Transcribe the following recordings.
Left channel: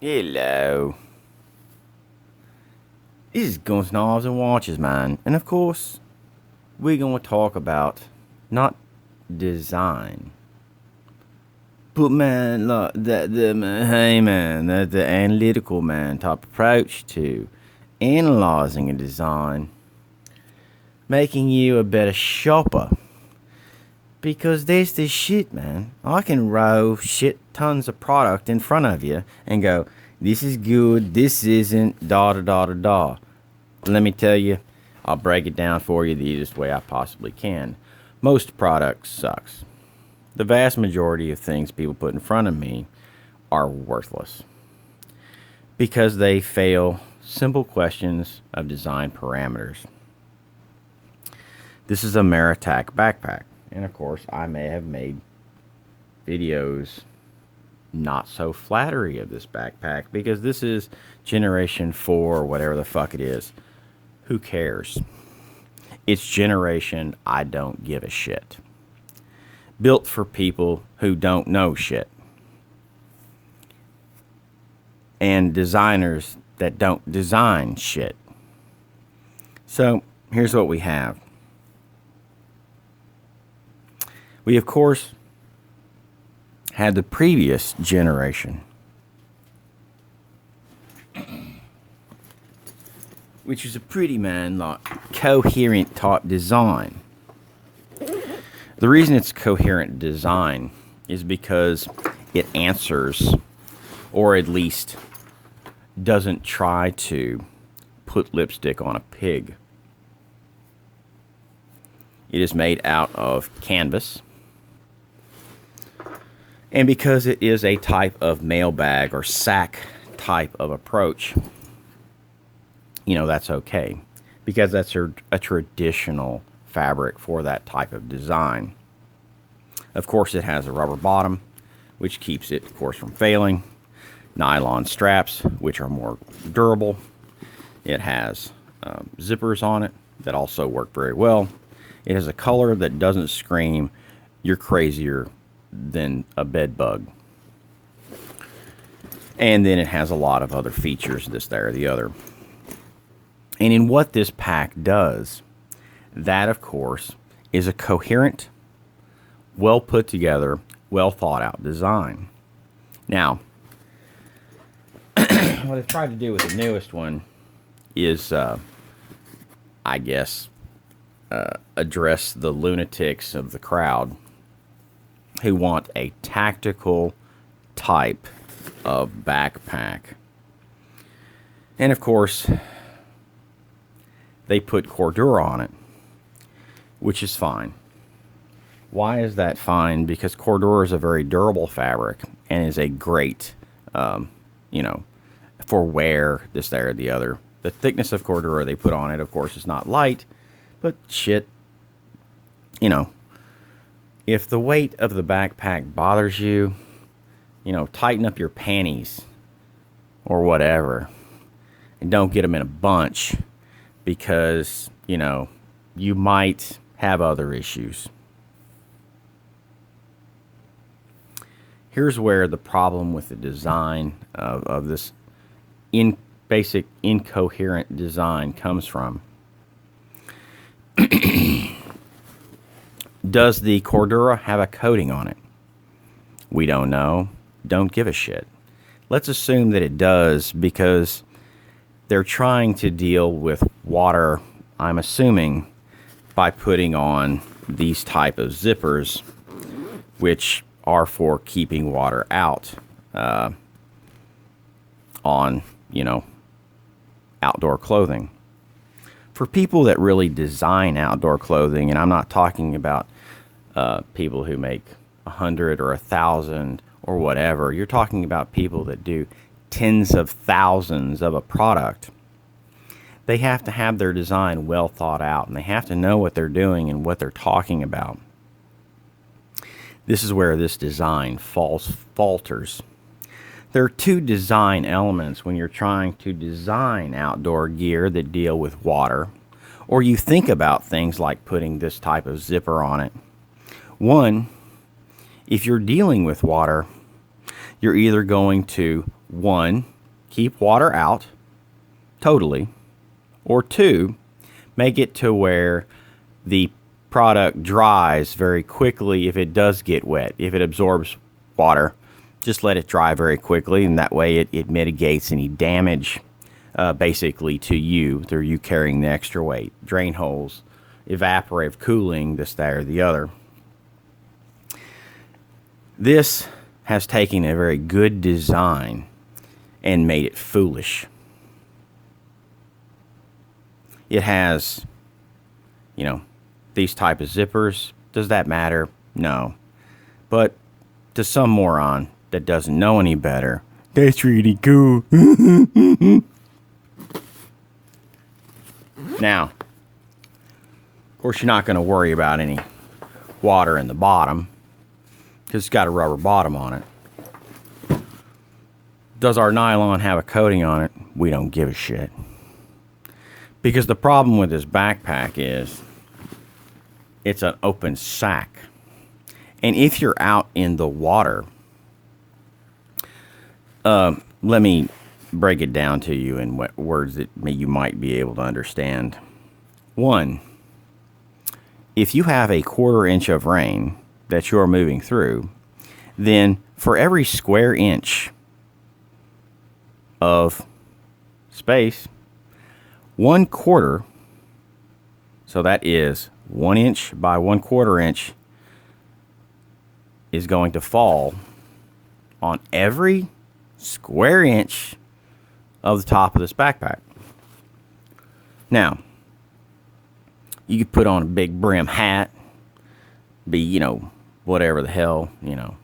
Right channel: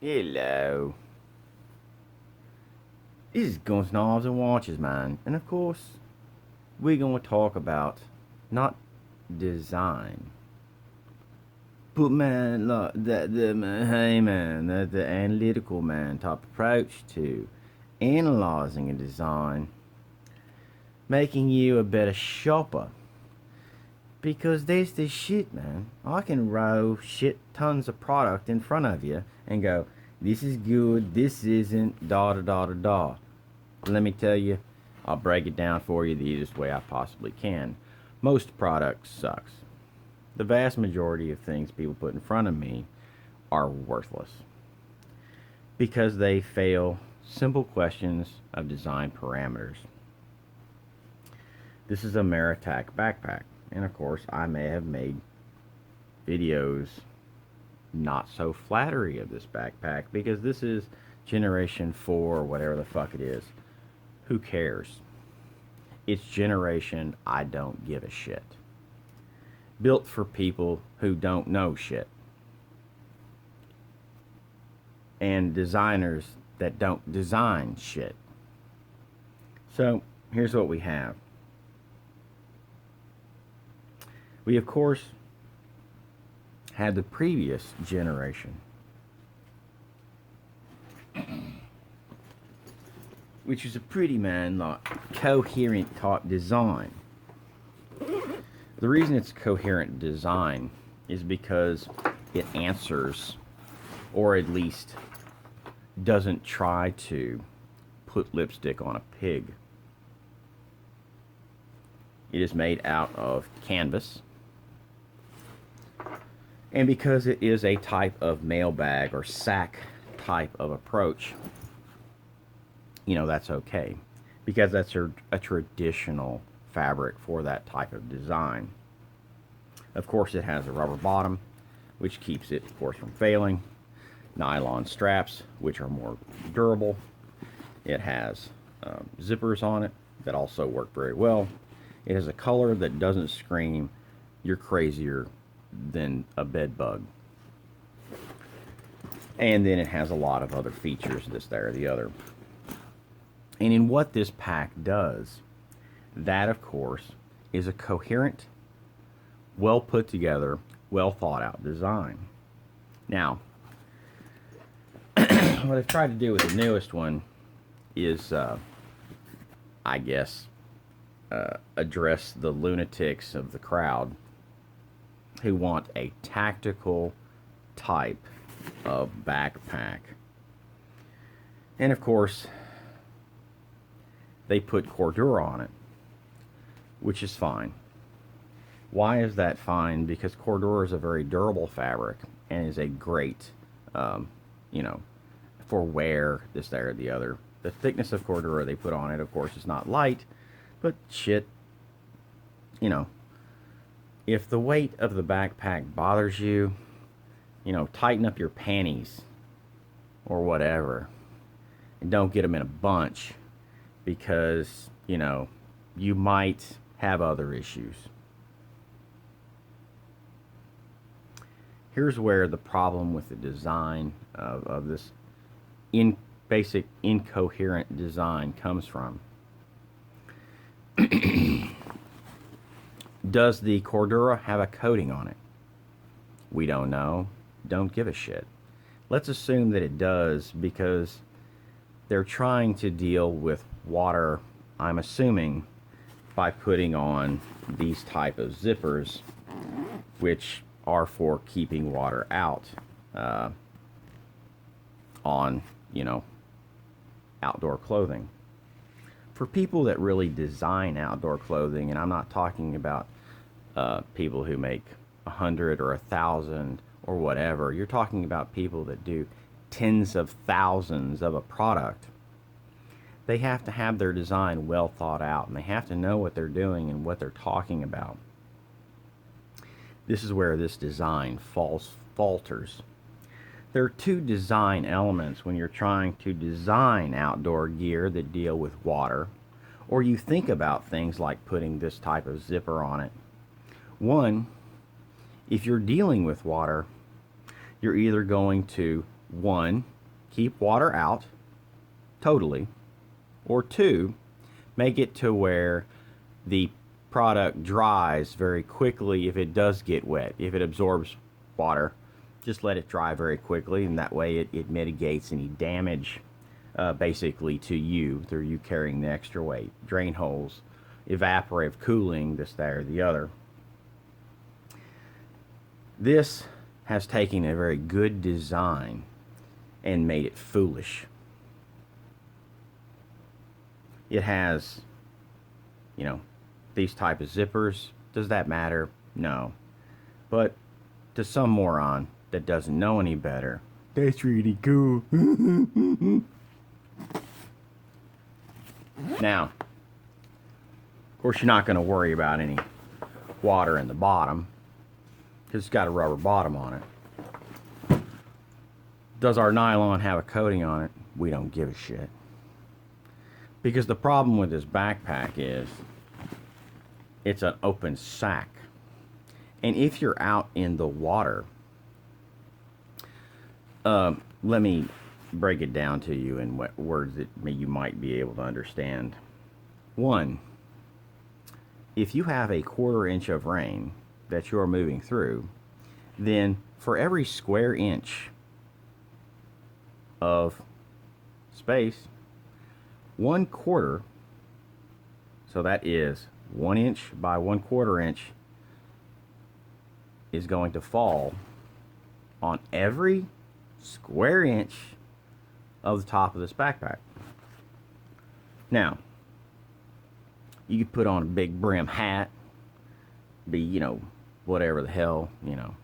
Hello. This is gunskniveswatches, man. And of course, we're going to talk about not design, but man, look, the analytical man type approach to analyzing a design, making you a better shopper. Because there's this shit, man. I can row shit tons of product in front of you and go, this is good, this isn't, da da da da da. Let me tell you, I'll break it down for you the easiest way I possibly can. Most product sucks. The vast majority of things people put in front of me are worthless because they fail simple questions of design parameters. This is a Maritac backpack. And of course, I may have made videos not so flattery of this backpack because this is generation 4 or whatever the fuck it is. Who cares? It's generation I don't give a shit. Built for people who don't know shit. And designers that don't design shit. So, here's what we have. We, of course, had the previous generation, which is a pretty, man, like, coherent type design. The reason it's coherent design is because it answers, or at least doesn't try to put lipstick on a pig. It is made out of canvas. And because it is a type of mailbag or sack type of approach, that's okay. Because that's a traditional fabric for that type of design. Of course, it has a rubber bottom, which keeps it, of course, from failing. Nylon straps, which are more durable. It has zippers on it that also work very well. It has a color that doesn't scream, you're crazier than a bed bug. And then it has a lot of other features, this, there, or the other. And in what this pack does, that, of course, is a coherent, well put together, well thought out design. Now, what I've tried to do with the newest one is, address the lunatics of the crowd who want a tactical type of backpack. And of course, they put Cordura on it, which is fine. Why is that fine? Because Cordura is a very durable fabric and is a great, for wear, this, there, or the other. The thickness of Cordura they put on it, of course, is not light, but shit, if the weight of the backpack bothers you, tighten up your panties or whatever. And don't get them in a bunch because, you might have other issues. Here's where the problem with the design of this basic incoherent design comes from. Does the Cordura have a coating on it? We don't know. Don't give a shit. Let's assume that it does because they're trying to deal with water, I'm assuming, by putting on these type of zippers, which are for keeping water out on, outdoor clothing. For people that really design outdoor clothing, and I'm not talking about people who make 100 or 1,000 or whatever. You're talking about people that do tens of thousands of a product. They have to have their design well thought out, and they have to know what they're doing and what they're talking about. This is where this design falters. There are two design elements when you're trying to design outdoor gear that deal with water, or you think about things like putting this type of zipper on it. One, if you're dealing with water, You're either going to, one, keep water out totally, or two, make it to where the product dries very quickly if it does get wet. If it absorbs water, just let it dry very quickly, and that way it mitigates any damage basically to you through you carrying the extra weight. Drain holes, evaporative cooling, this, that, or the other. This has taken a very good design and made it foolish. It has, you know, these type of zippers. Does that matter? No. But to some moron that doesn't know any better, that's really cool. Now, of course, you're not going to worry about any water in the bottom because it's got a rubber bottom on it. Does our nylon have a coating on it? We don't give a shit. Because the problem with this backpack is it's an open sack. And if you're out in the water, let me break it down to you in what words that you might be able to understand. One, if you have a 1/4 inch of rain that you're moving through, then for every square inch of space, 1/4, so that is 1 inch by 1/4 inch, is going to fall on every square inch of the top of this backpack. Now, you could put on a big brim hat, be, you know, whatever the hell, you know,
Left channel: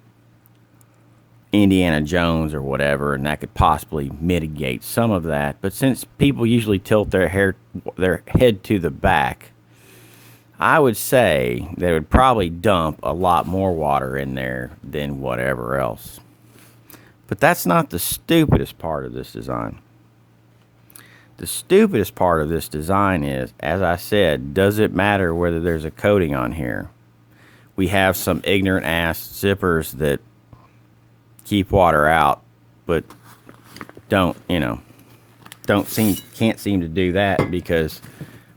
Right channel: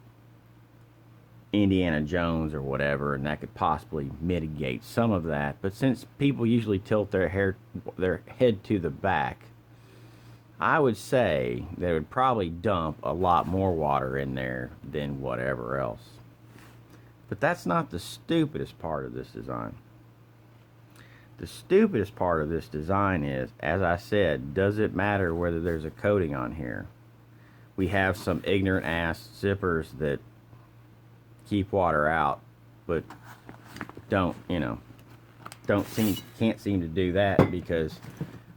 Indiana Jones or whatever, and that could possibly mitigate some of that. But since people usually tilt their head to the back, I would say they would probably dump a lot more water in there than whatever else. But that's not the stupidest part of this design. The stupidest part of this design is, as I said, does it matter whether there's a coating on here? We have some ignorant ass zippers that keep water out, but can't seem to do that because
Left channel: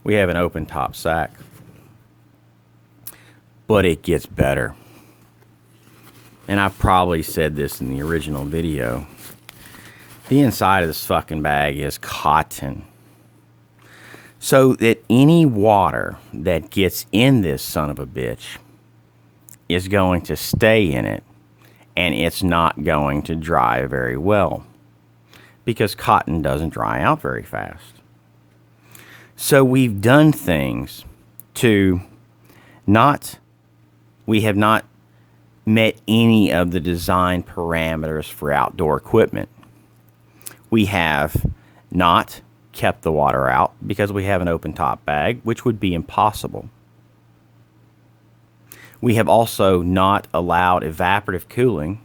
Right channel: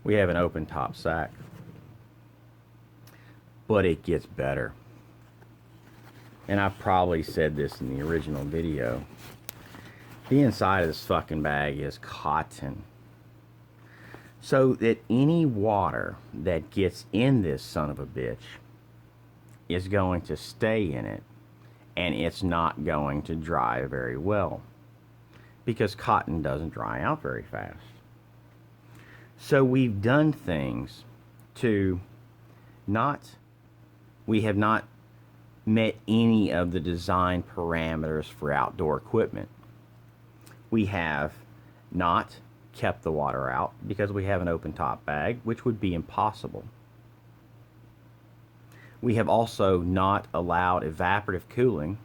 we have an open top sack. But it gets better. And I probably said this in the original video. The inside of this fucking bag is cotton. So that any water that gets in this son of a bitch is going to stay in it, and it's not going to dry very well because cotton doesn't dry out very fast. So we've done things to we have not met any of the design parameters for outdoor equipment. We have not kept the water out because we have an open top bag, which would be impossible. We have also not allowed evaporative cooling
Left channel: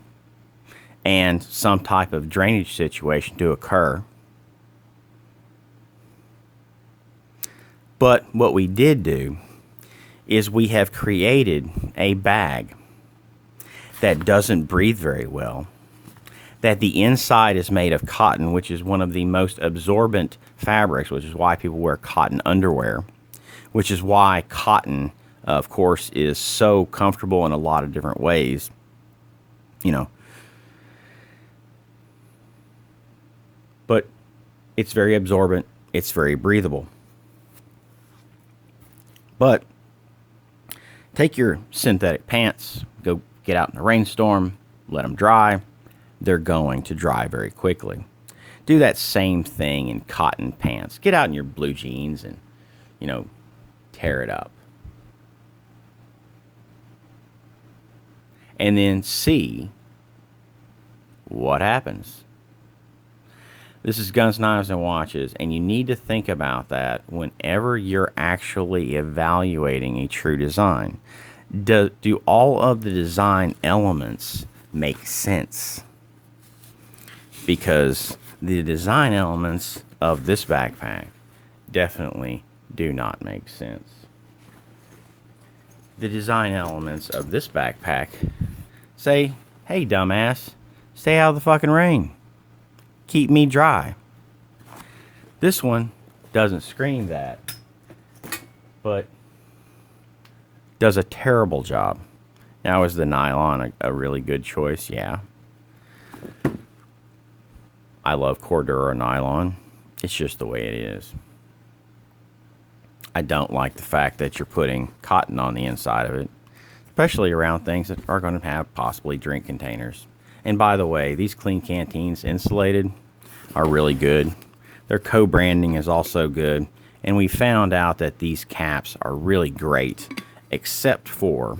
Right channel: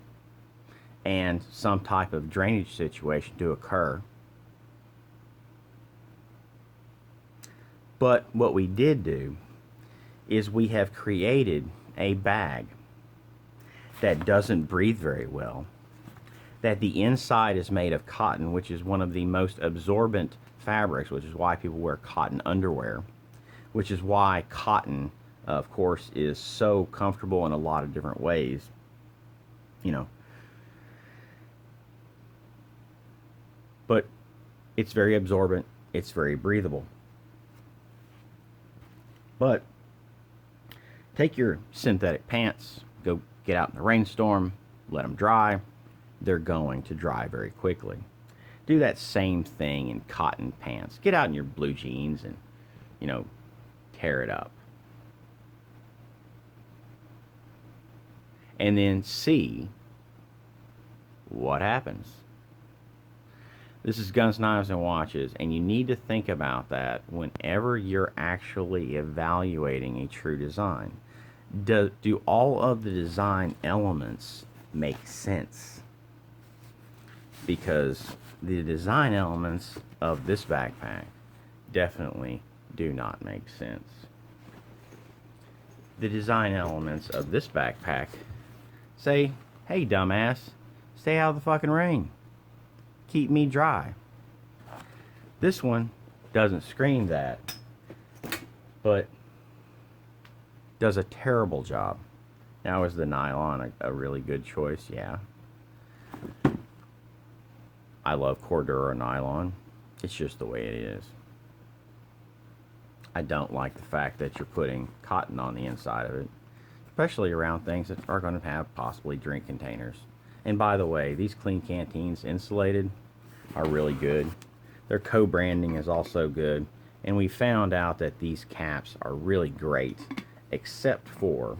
and some type of drainage situation to occur. But what we did do is we have created a bag that doesn't breathe very well, that the inside is made of cotton, which is one of the most absorbent fabrics, which is why people wear cotton underwear, which is why cotton, of course, is so comfortable in a lot of different ways. You know, but it's very absorbent, it's very breathable. But take your synthetic pants, go get out in the rainstorm, let them dry. They're going to dry very quickly. Do that same thing in cotton pants. Get out in your blue jeans and, you know, tear it up. And then see what happens. This is Guns, Knives, and Watches, and you need to think about that whenever you're actually evaluating a true design. Do all of the design elements make sense? Because the design elements of this backpack definitely do not make sense. The design elements of this backpack say, hey dumbass, Stay out of the fucking rain. Keep me dry. This one doesn't scream that, but does a terrible job. Now, is the nylon a really good choice? Yeah. I love Cordura nylon. It's just the way it is. I don't like the fact that you're putting cotton on the inside of it, especially around things that are going to have possibly drink containers. And by the way, these Clean Canteens insulated are really good. Their co-branding is also good. And we found out that these caps are really great, except for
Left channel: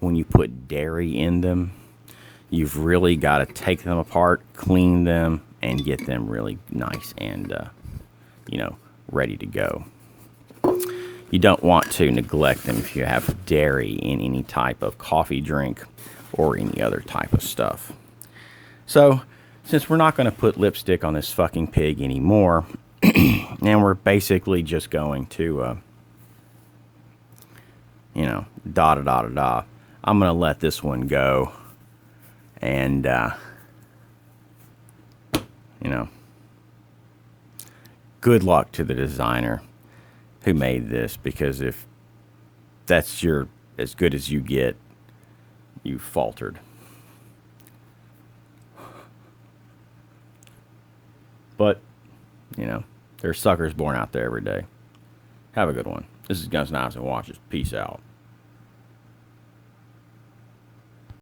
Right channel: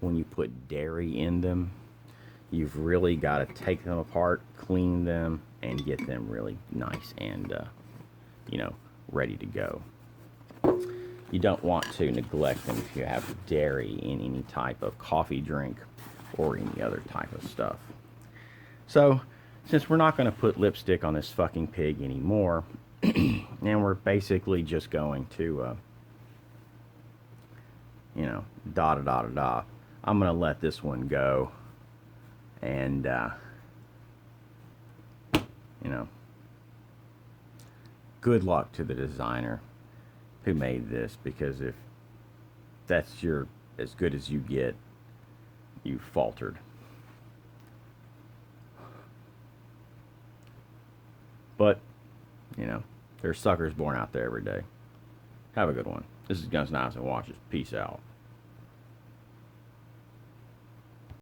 when you put dairy in them. You've really got to take them apart, clean them, and get them really nice and, ready to go. You don't want to neglect them if you have dairy in any type of coffee drink or any other type of stuff. So, since we're not going to put lipstick on this fucking pig anymore, and we're basically just going to, da-da-da-da-da, I'm going to let this one go. And, good luck to the designer who made this, because if that's your as good as you get, you faltered. But, there's suckers born out there every day. Have a good one. This is Guns, Knives, and Watches. Peace out.